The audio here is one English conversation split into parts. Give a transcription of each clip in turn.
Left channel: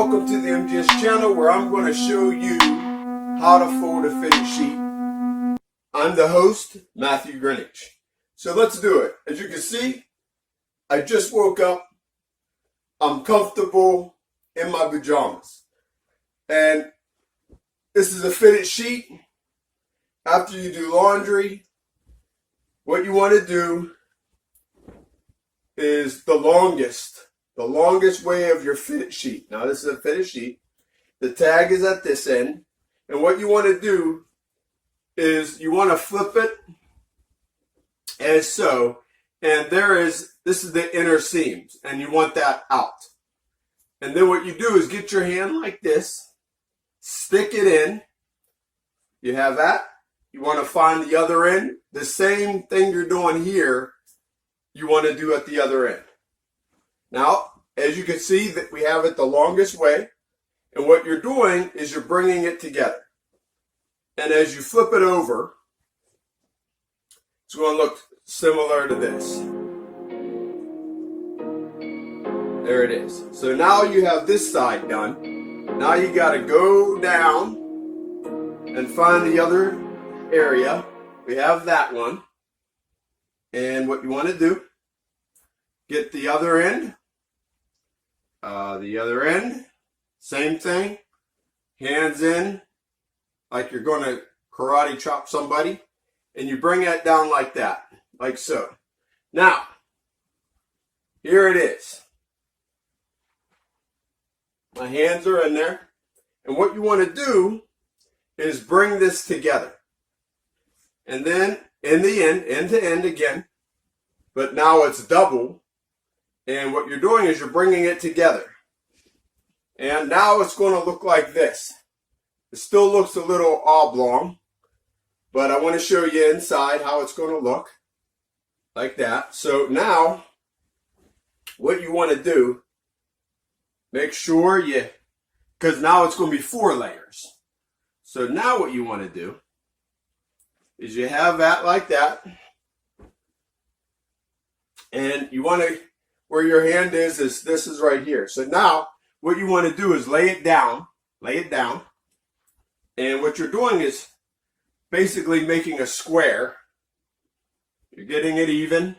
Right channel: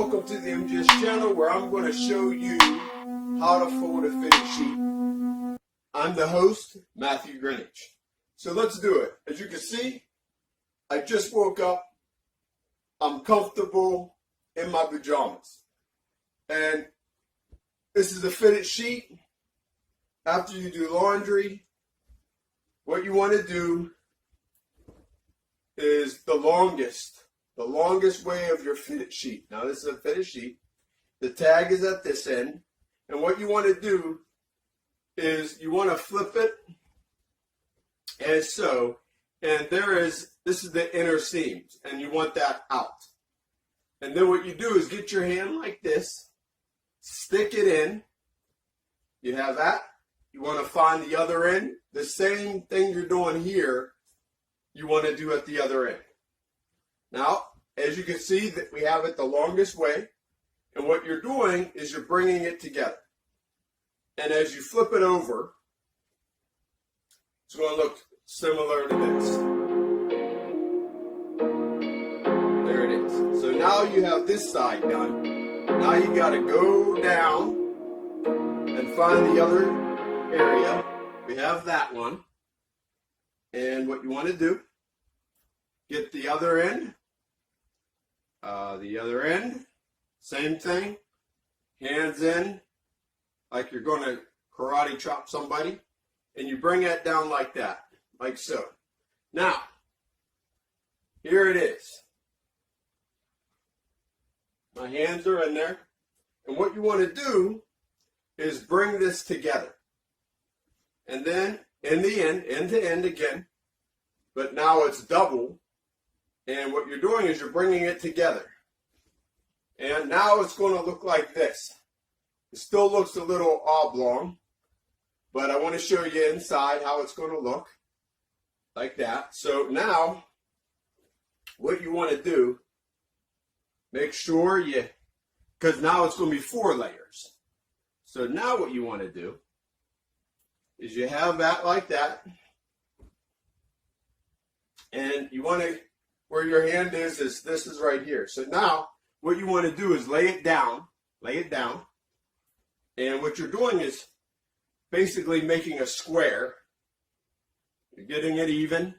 welcome to the MGS channel where I'm going to show you how to fold a fitted sheet. I'm the host, Matthew Greenwich. So let's do it. As you can see, I just woke up. I'm comfortable in my pajamas. And this is a fitted sheet. After you do laundry, what you want to do is the longest way of your fitted sheet. Now this is a fitted sheet. The tag is at this end. And what you want to do is you want to flip it as so. And this is the inner seams. And you want that out. And then what you do is get your hand like this. Stick it in. You have that. You want to find the other end. The same thing you're doing here, you want to do at the other end. Now, as you can see, that we have it the longest way. And what you're doing is you're bringing it together. And as you flip it over, it's going to look similar to this. There it is. So now you have this side done. Now you got to go down and find the other area. We have that one. And what you want to do, get the other end. Same thing. Hands in, like you're going to karate chop somebody. And you bring that down like that, like so. Now, here it is. My hands are in there. And what you want to do is bring this together. And then in the end to end again. But now it's double. And what you're doing is you're bringing it together. And now it's going to look like this. It still looks a little oblong. But I want to show you inside how it's going to look. Like that. So now, what you want to do, make sure because now it's going to be 4 layers. So now what you want to do is you have that like that. And you want to, where your hand is this is right here. So now what you want to do is lay it down. And what you're doing is basically making a square. You're getting it even.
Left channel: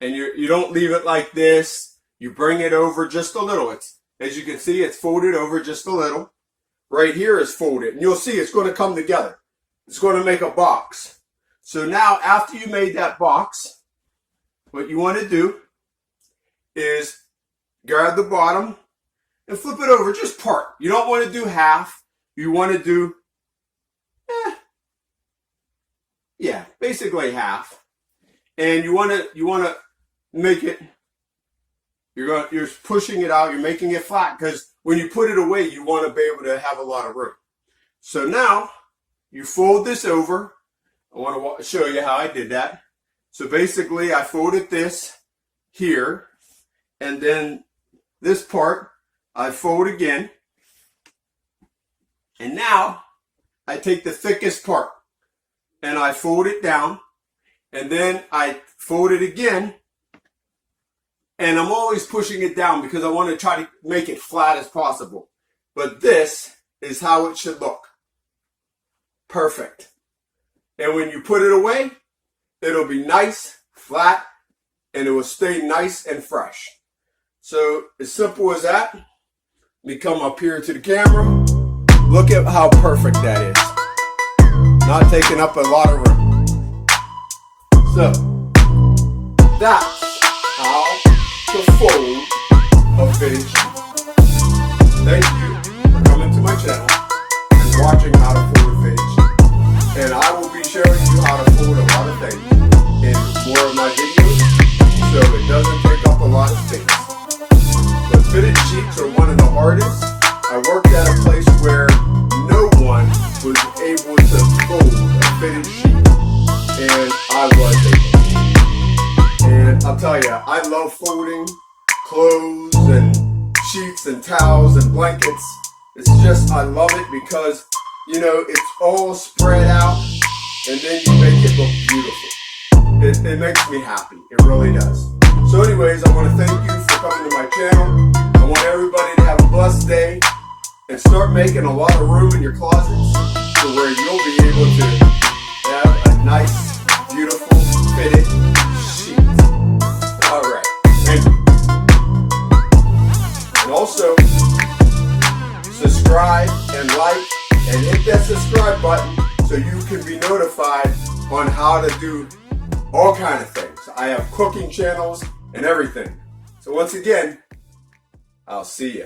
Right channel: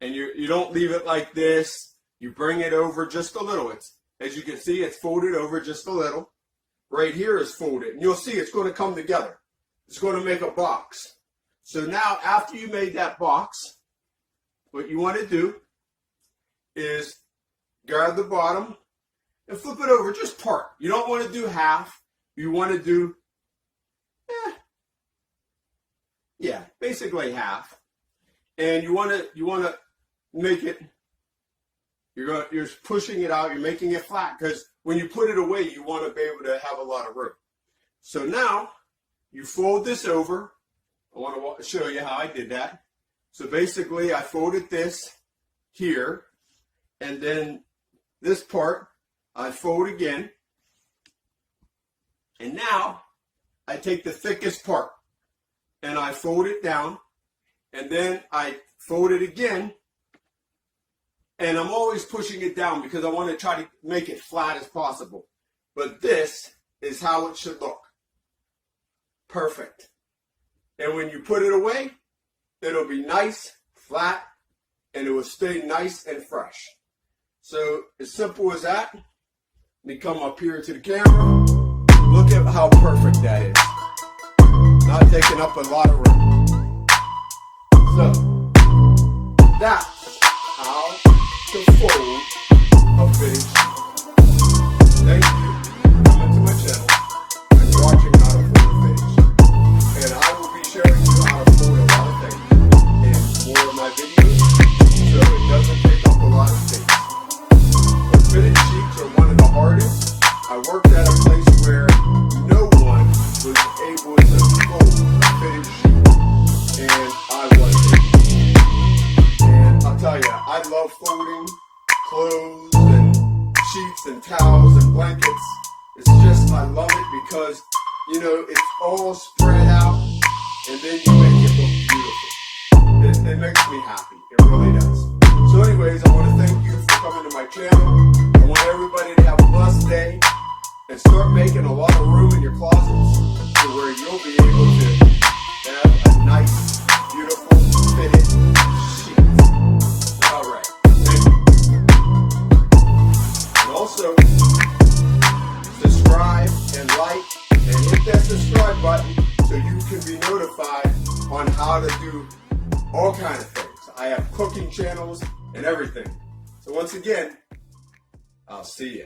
And you don't leave it like this. You bring it over just a little. As you can see, it's folded over just a little. Right here is folded. And you'll see it's going to come together. It's going to make a box. So now after you made that box, what you want to do is grab the bottom and flip it over, just part. You don't want to do half. You want to do, basically half. And you want to make it, you're pushing it out, you're making it flat, because when you put it away, you want to be able to have a lot of room. So now, you fold this over. I want to show you how I did that. So basically, I folded this here, and then this part, I fold again. And now, I take the thickest part, and I fold it down, and then I fold it again, and I'm always pushing it down because I want to try to make it flat as possible. But this is how it should look. Perfect. And when you put it away, it'll be nice, flat, and it will stay nice and fresh. So as simple as that. Let me come up here to the camera. Look at how perfect that is. Not taking up a lot of room. So that's how to fold a fitted sheet. Thank you for coming to my channel and watching how to fold a fitted sheet. And I will be sharing you how to fold a lot of things in more of my videos, so it doesn't take up a lot of space. But fitted sheets are one of the hardest. I worked at a place where no one was able to fold a fitted sheet, and I was able. And I'll tell you, I love folding clothes and sheets and towels and blankets. It's just, I love it because, it's all spread out, and then you make it look beautiful. It makes me happy. It really does. So anyways, I want to thank you for coming to my channel. I want everybody to have a blessed day and start making a lot of room in your closets to where you'll be able to have a nice, beautiful, fitted sheet. Alright. And also, subscribe and like and hit that subscribe button so you can be notified on how to do all kind of things. I have cooking channels and everything. So once again, I'll see ya.